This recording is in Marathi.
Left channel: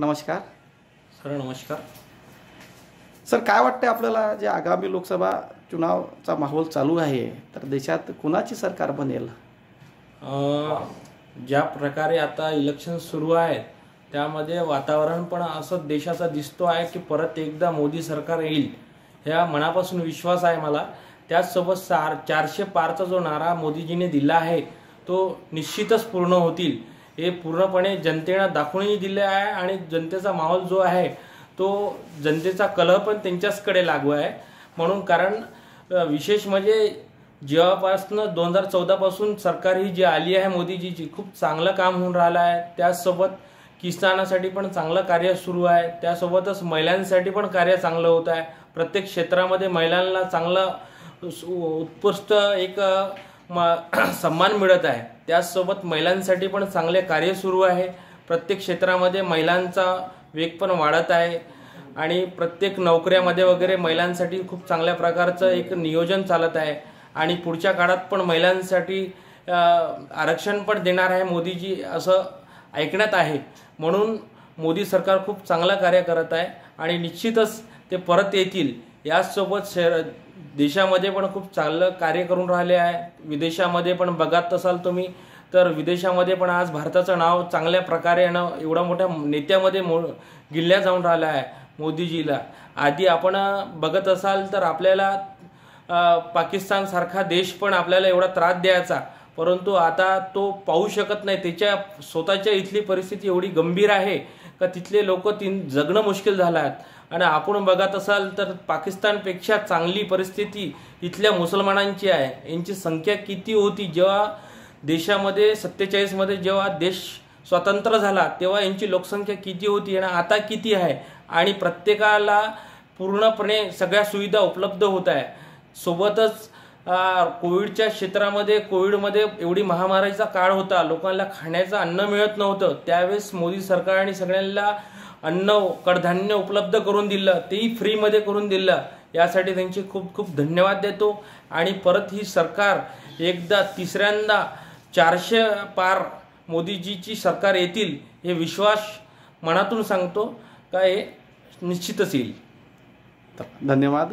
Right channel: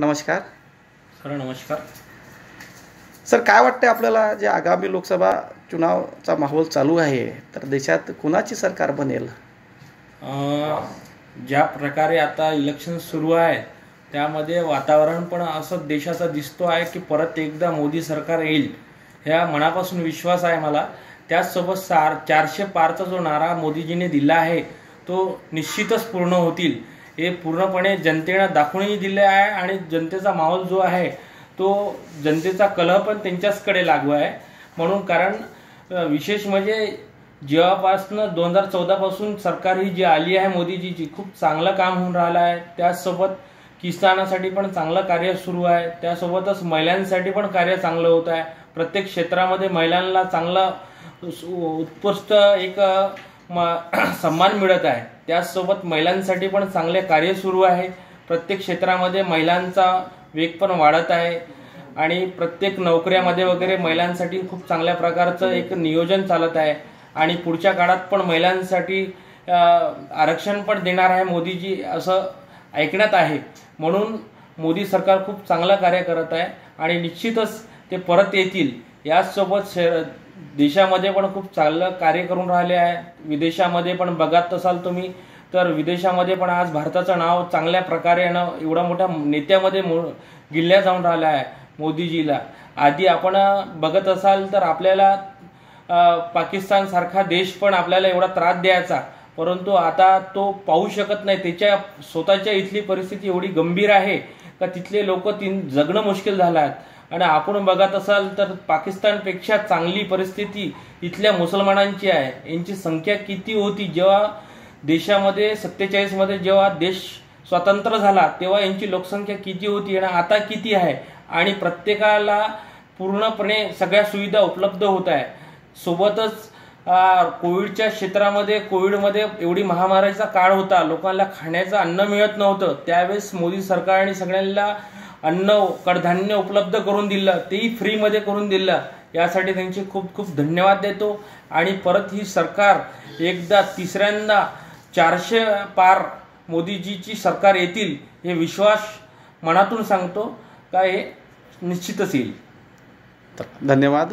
नमस्कार सर, नमस्कार सर, काय वाटते आपल्याला जे आगामी लोकसभा चुनावचा माहोल चालू आहे तर देशात कुणाची सरकार बनेल? ज्या प्रकारे आता इलेक्शन सुरू आहे त्यामध्ये वातावरण पण असं देशाचा दिसतो आहे की परत एकदा मोदी सरकार येईल, ह्या मनापासून विश्वास आहे मला। त्याचसोबत 400 पारचा जो नारा मोदीजीने दिला आहे तो निश्चितच पूर्ण होतील, हे पूर्णपणे जनतेने दाखवूनही दिले आहे। आणि जनतेचा माहोल जो आहे तो जनतेचा कल पण त्यांच्याचकडे लागू आहे। म्हणून कारण विशेष म्हणजे जेव्हापासून 2014 पासून सरकार ही जी आली आहे मोदीजीची, खूप चांगलं काम होऊन राहिलं आहे। त्याचसोबत किसानासाठी पण चांगलं कार्य सुरू आहे, त्यासोबतच महिलांसाठी पण कार्य चांगलं होत आहे। प्रत्येक क्षेत्रामध्ये महिलांना चांगलं उत्कृष्ट एक सन्मान मिळत आहे। त्याचसोबत महिलांसाठी पण चांगले कार्य सुरू आहे। प्रत्येक क्षेत्रामध्ये महिलांचा वेग पण वाढत आहे आणि प्रत्येक नोकऱ्यामध्ये वगैरे महिलांसाठी खूप चांगल्या प्रकारचं एक नियोजन चालत आहे। आणि पुढच्या काळात पण महिलांसाठी आरक्षण पण देणार आहे मोदीजी, असं ऐकण्यात आहे। म्हणून मोदी सरकार खूप चांगलं कार्य करत आहे आणि निश्चितच ते परत येतील। याचसोबत देशामध्ये पण खूप चांगलं कार्य करून राहिले आहे। विदेशामध्ये पण बघत असाल तुम्ही तर विदेशामध्ये पण आज भारताचं नाव चांगल्या प्रकारे एवढा मोठ्या नेत्यामध्ये गिल्ल्या जाऊन राहिला आहे मोदीजीला। आधी आपण बघत असाल तर आपल्याला पाकिस्तान सारखा देश पण आपल्याला एवढा त्रास द्यायचा, परंतु आता तो पाहू शकत नाही। त्याच्या स्वतःच्या इथली परिस्थिती एवढी गंभीर आहे का तिथले लोक जगणं मुश्किल झालं आहे। आणि आपण बघत असाल तर पाकिस्तानपेक्षा चांगली परिस्थिती इथल्या मुसलमानांची आहे। यांची संख्या किती होती जेव्हा देशामध्ये 47 मध्ये जेव्हा देश स्वतंत्र झाला तेव्हा यांची लोकसंख्या किती होती आणि आता किती आहे। आणि प्रत्येकाला पूर्णपणे सगळ्या सुविधा उपलब्ध होत आहे। सोबतच कोविडच्या क्षेत्रामध्ये कोविडमध्ये एवढी महामारीचा काळ होता, लोकांना खाण्याचं अन्न मिळत नव्हतं, त्यावेळेस मोदी सरकारने सगळ्यांना अन्न कडधान्य उपलब्ध करून दिलं, तेही फ्रीमध्ये करून दिलं। यासाठी त्यांचे खूप खूप धन्यवाद देतो। आणि परत ही सरकार एकदा तिसऱ्यांदा 400 पार मोदीजीची सरकार येतील हे विश्वास मनातून सांगतो का हे निश्चितच येईल। धन्यवाद।